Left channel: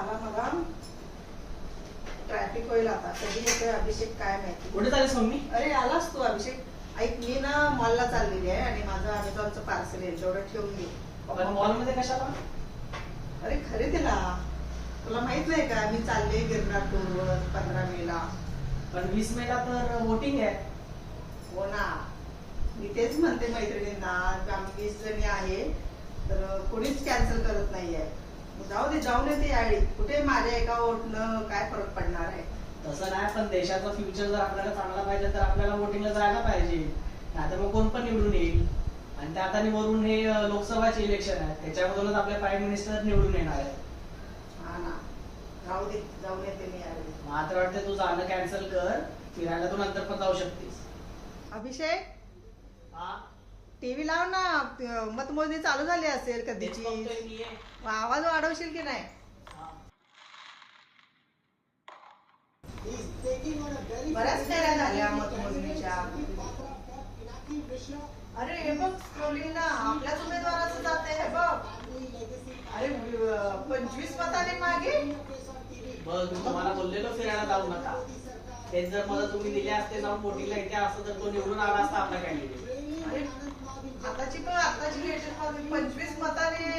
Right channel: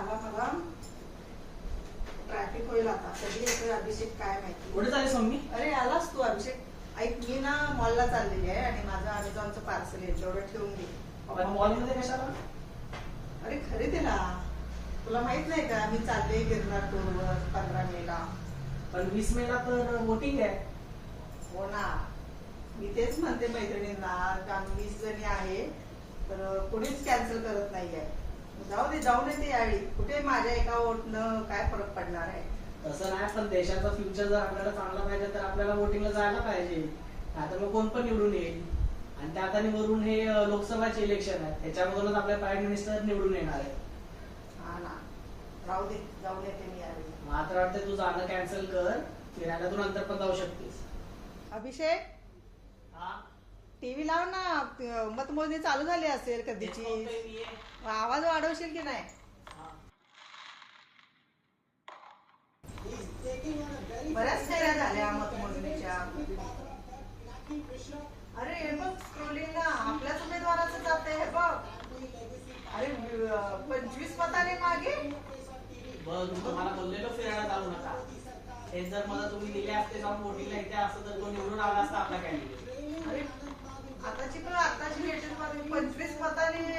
झाला मला ट्रॅफिक होईल आता कधी येतोय अभिषेक काय माहिती कुठे चालेल मम्मी अरे आलास तू अभिषेक ऐक मी ना मॉलला चाललेली आहे आणि माझा अमेझॉनचं पार्सल येईल तेवढं ठेवून घे मॉलमध्ये कशाला अरे खरे तिला तुला माहित नाही का मी चालले गिरणार टूरवर पंधरा मेला पण वीस मेला तर वोटिंग आहे हो वो ना मी तेच म्हणते मैत्रिणींना आम्ही वीस जणी आहे तर कोणीच कॅन्सल करत नाहीये जाऊ दे ती येते कुठे माझ्या एका वोटला काय फरक पडणार आहे तसं नाही पण देशाचा फ्युचर जर आपल्याला चांगला पाहिजे तर आपल्याला वोटिंगला जायला पाहिजे आता मग कोण पण निवडून येईल आणि आता निवडून हे लोकसभा चे इलेक्शन आहे त्याच्यामधूनच आपल्या प्राईम मिनिस्टर निवडून येणार आहे हा ना जाऊ मात्र वाटते तुझं आग कॅन्सल कर फिरायला तू नंतर पण जाऊ शकतेस अभिषेक हा टीव्ही लाव ना मतमोजणी चालू झाली असेल कधीची आवाज वाढवशील की नाही बऱ्याच नाही झाल्या मतमोजणीच्या अरे मग कोणी ना आपल्याच उमेदवाराचं जात हे बघ अरे पंचवीस मताने मागे बघ तुम्हाला बोललेलो फिरायला जाऊ नका तेच जर मला तुम्ही दिले असते जाऊन मोठी लाईट असं तर तो निवडून आला असता आपला candidate Atâta ce până, atâta ce mă, înțeles, mă, tare...